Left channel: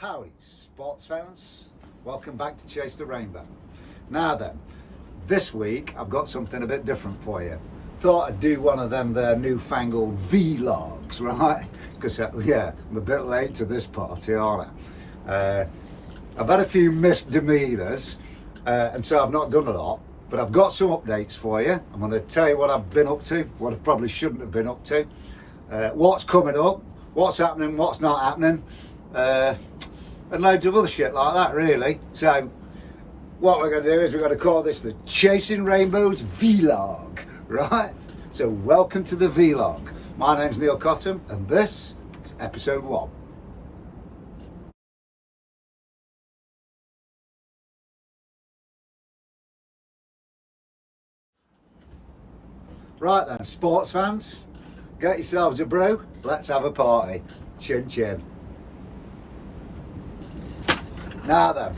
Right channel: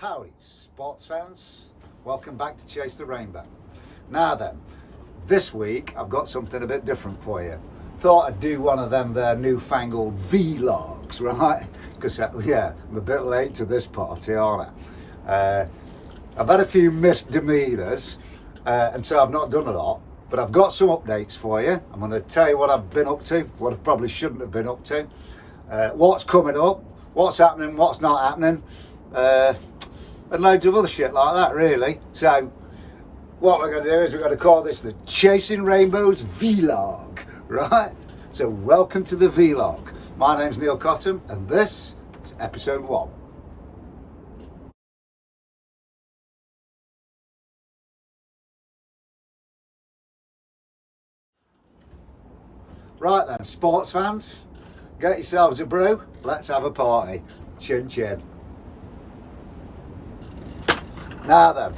Howdy, sports fans. Welcome back to Chase the Rainbow. Now then, this week I've got something a bit different for you. Thought I'd do one of them there newfangled Vee-Logs, right? Because, yeah, I'm a bit late to this party, aren't I? I've had a few misdemeanors, and so I've not done a lot. But I've got some updates for you. I'm going to tell you what I've been up to, what I probably shouldn't have been up to, what's coming up, what's happening, what's not happening, and loads of other shit like that, really. So what we're going to do is we're going to call this the Chasing Rainbows Vee-Log, right? So welcome to the Vee-Log. My name's Neil Cottam, and this is episode 1. Right then, sports fans, get yourselves a brew, let's have a party. Chin chin. Now then,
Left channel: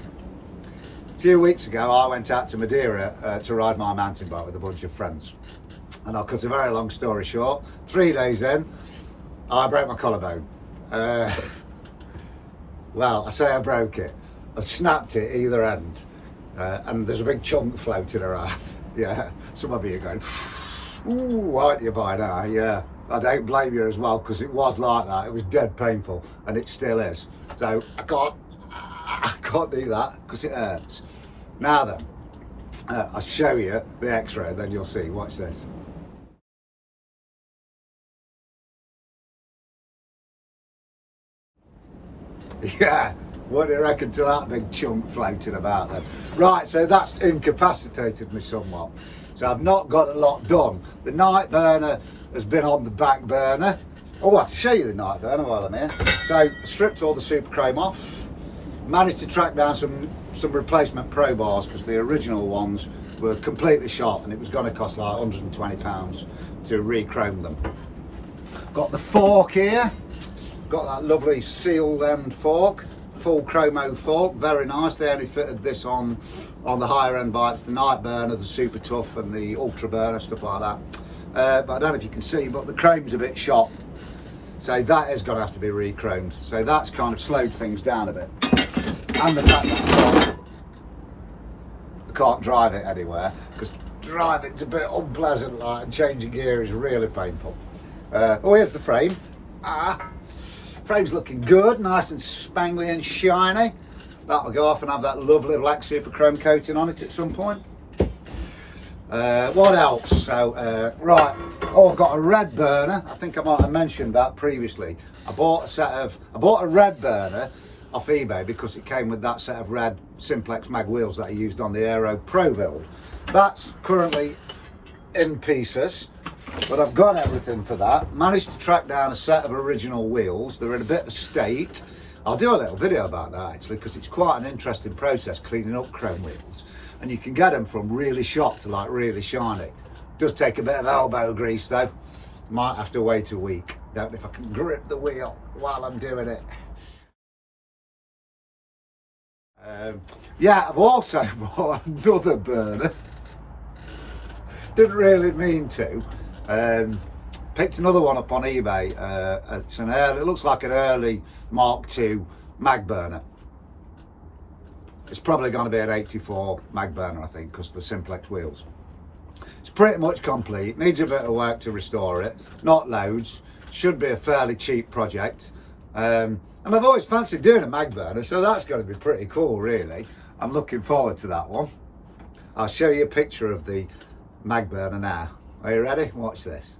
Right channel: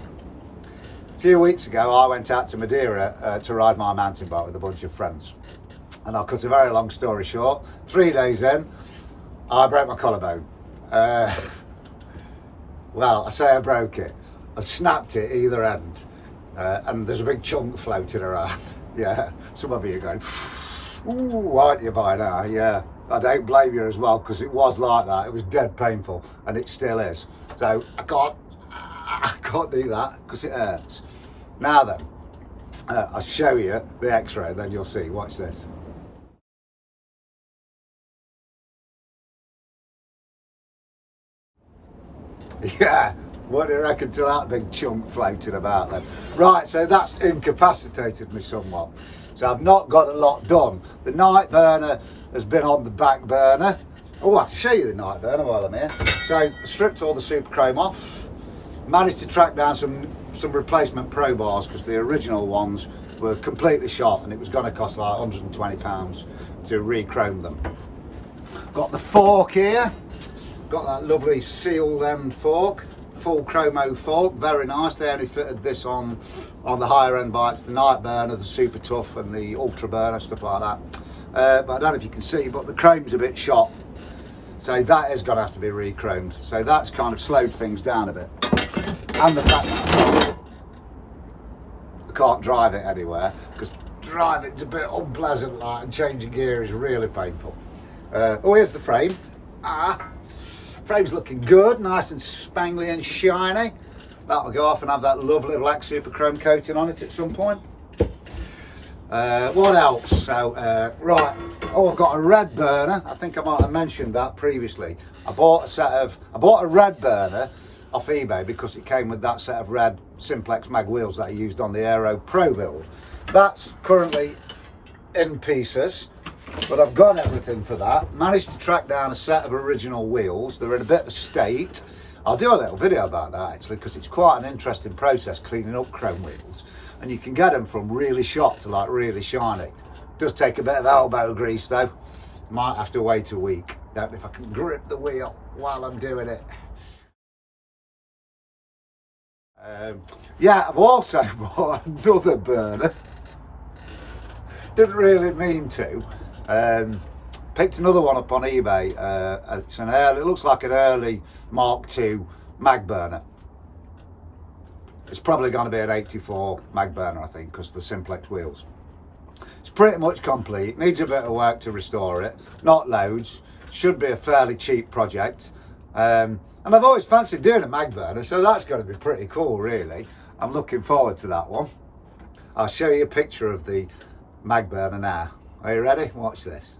a few weeks ago I went out to Madeira to ride my mountain bike with a bunch of friends. And I'll cut a very long story short, 3 days in, I broke my collarbone. Well, I say I broke it. I've snapped it either end. And there's a big chunk floating around. Yeah, some of you are going, ooh, aren't you by now? Yeah, I don't blame you as well, because it was like that. It was dead painful, and it still is. So I can't do that because it hurts. Now then, I'll show you the x-ray, then you'll see. Watch this. Yeah, what do you reckon to that big chunk floating about then? Right, so that's incapacitated me somewhat. So I've not got a lot done. The night burner has been on the back burner. Oh, I have to show you the night burner while I'm here. So stripped all the super chrome off. Managed to track down some replacement pro bars because the original ones were completely shot and it was going to cost like £120 to re-chrome them. Got the fork here. Got that lovely sealed end fork. Full chromo fork, very nice. They only fitted this on the higher end bikes, the night burner, the super tough and the ultra burner, stuff like that. But I don't know if you can see, but the chrome's a bit shot. So that is going to have to be re-chromed. So that's kind of slowed things down a bit. And the fact that I can't drive it anywhere, because driving's a bit unpleasant, like, and changing gear is really painful. Oh, here's the frame. Frame's looking good, nice and spangly and shiny. That will go off and have that lovely black super chrome coating on it at some point. What else? So, right. Oh, I've got a red burner. I think I might have mentioned that previously. I bought a red burner off eBay because it came with that set of red Simplex mag wheels that I used on the Aero Pro build. That's currently in pieces, but I've got everything for that. Managed to track down a set of original wheels. They're in a bit of a state. I'll do a little video about that actually, because it's quite an interesting process cleaning up chrome wheels, and you can get them from really shot to like really shiny. Does take a bit of elbow grease though. Might have to wait a week. Don't know if I can grip the wheel while I'm doing it. Yeah, I've also bought another burner. Didn't really mean to. Picked another one up on eBay. It's it looks like an early Mark II mag burner. It's probably going to be an 84 mag burner, I think, because of the Simplex wheels. It's pretty much complete. Needs a bit of work to restore it. Not loads. Should be a fairly cheap project. And I've always fancied doing a mag burner, so that's going to be pretty cool, really. I'm looking forward to that one. I'll show you a picture of the mag burner now. Are you ready? Watch this.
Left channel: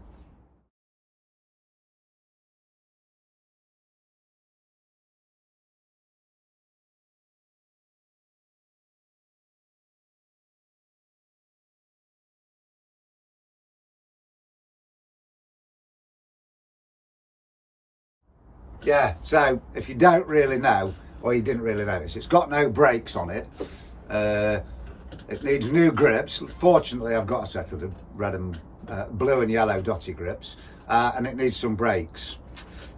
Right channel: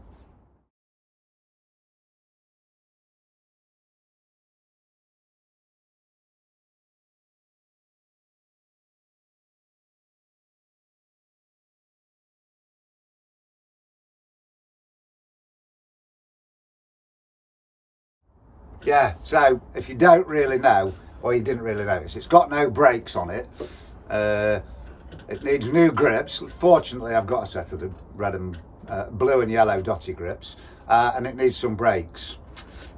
Yeah, so if you don't really know, or you didn't really notice, it's got no brakes on it. It needs new grips. Fortunately, I've got a set of the red and blue and yellow dotty grips, and it needs some brakes.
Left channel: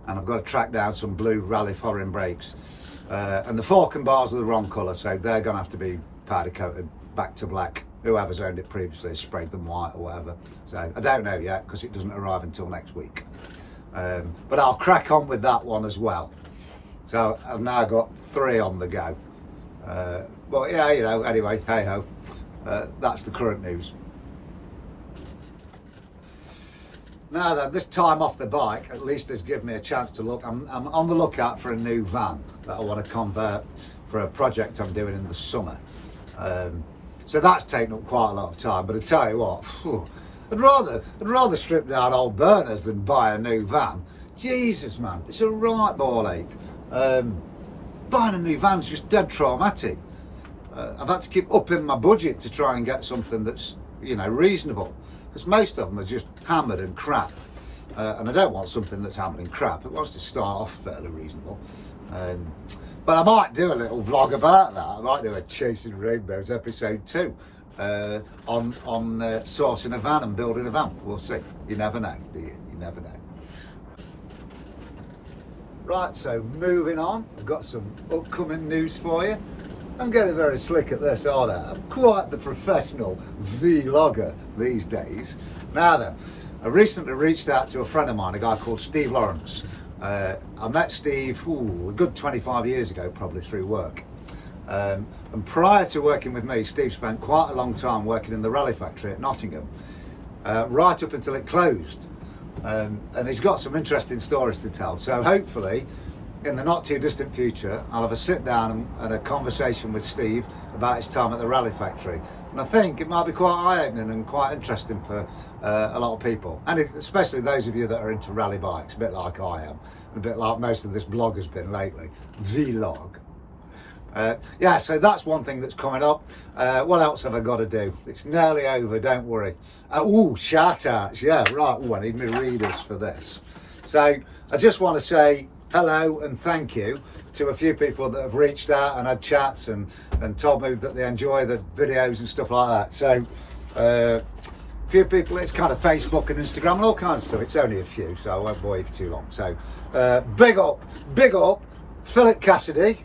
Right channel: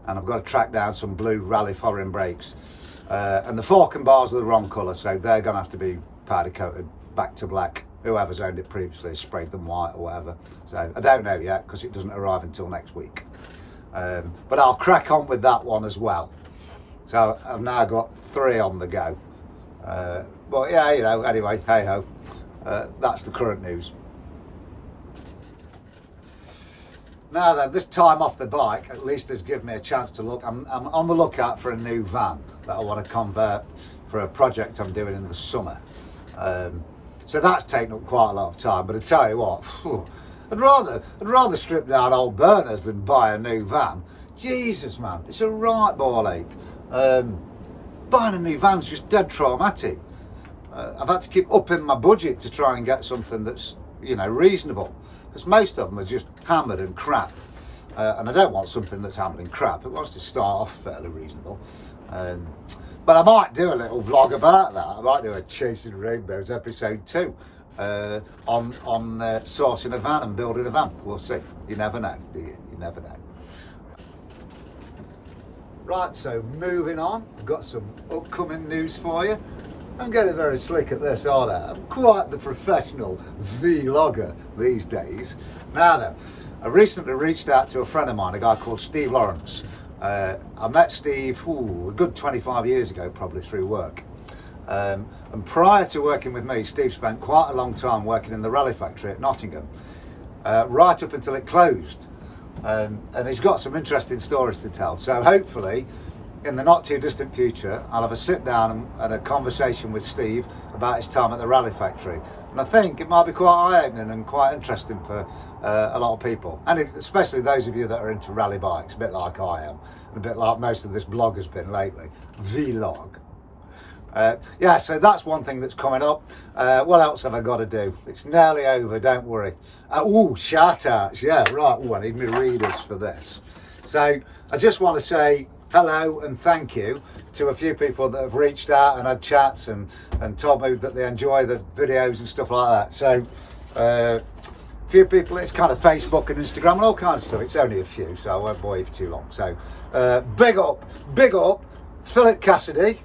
And I've got to track down some blue Rally Foreign brakes. And the fork and bars are the wrong colour, so they're going to have to be powder coated back to black. Whoever's owned it previously has sprayed them white or whatever. So I don't know yet, because it doesn't arrive until next week. But I'll crack on with that one as well. So I've now got 3 on the go. But yeah, you know, anyway, hey ho, that's the current news. Now then, this time off the bike at least has given me a chance to look. I'm on the lookout for a new van that I want to convert for a project I'm doing in the summer. So that's taken up quite a lot of time, but I tell you what, I'd rather strip down old burners than buy a new van. Jesus man, it's a right ball ache. Buying a new van's just dead traumatic. I've had to keep upping my budget to try and get something that's, you know, reasonable, because most of them are just hammered and crap. And I don't want something that's hammered and crap. It wants to start off fairly reasonable. But I might do a little vlog about that. I might do a Chasing Rainbows episode 2 on sourcing a van and building a van. We'll see. You never know, do you? You never know. Right, so moving on, I've got some upcoming news for you. I'm getting very slick at this, aren't I? I'm quite the professional Vee-Logger these days. Now then, I recently reached out to a friend of mine, a guy called Steve Lawrence. I met Steve a good 25 years ago, probably through work. And prior to working with me, Steve spent quite a long time working in the rally factory at Nottingham, right up until it closed. And he's got some interesting stories to tell. So hopefully, in the not too distant future, I'll have a sit down and a conversation with Steve about his time at the rally factory. And I think it might be quite eye-opening and quite interesting for a lot of people, and especially those of you that are into rally bikes, a bit like I am, and a bit like most of this blog has been lately. Vee-Log. Yeah, so that's one thing that's coming up. What else have I got to do? It's nearly over, don't worry. Shout outs, yeah, right. I need my readers for this. So I just want to say hello and thank you to a few people that have reached out and had chats and told me that they enjoy the videos and stuff like that. So a few people, it's kind of Facebook and Instagram and all kinds of stuff. It's only a few, so I won't bore you for too long. So big up Philip Cassidy,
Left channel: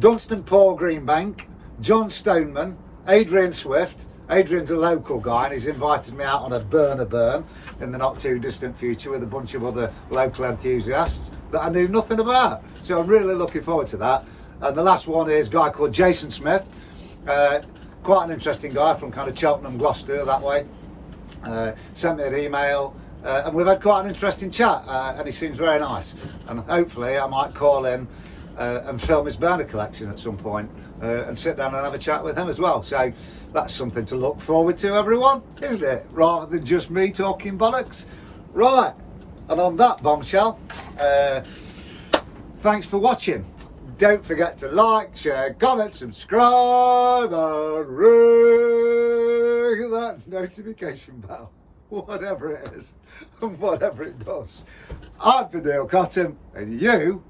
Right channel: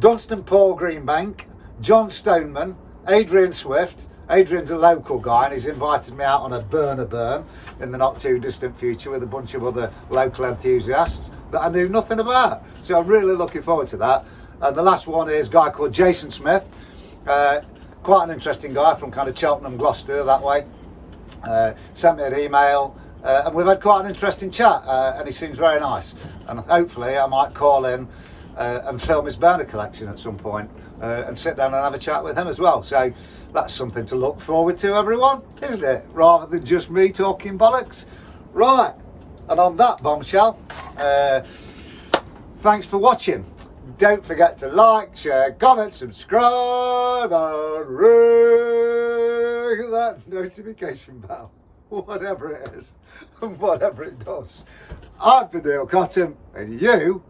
Dunstan Paul Greenbank, John Stoneman, Adrian Swift. Adrian's a local guy and he's invited me out on a burn in the not too distant future with a bunch of other local enthusiasts that I knew nothing about. So I'm really looking forward to that. And the last one is a guy called Jason Smith, quite an interesting guy from kind of Cheltenham, Gloucester, that way. Sent me an email and we've had quite an interesting chat and he seems very nice. And hopefully I might call in and film his burner collection at some point and sit down and have a chat with him as well. So that's something to look forward to, everyone, isn't it? Rather than just me talking bollocks. Right, and on that bombshell, thanks for watching. Don't forget to like, share, comment, subscribe, and ring that notification bell, whatever it is and whatever it does. I've been Neil Cotton, and you've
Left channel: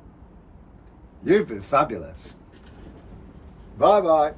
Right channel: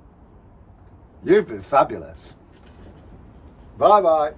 been fabulous. Bye bye.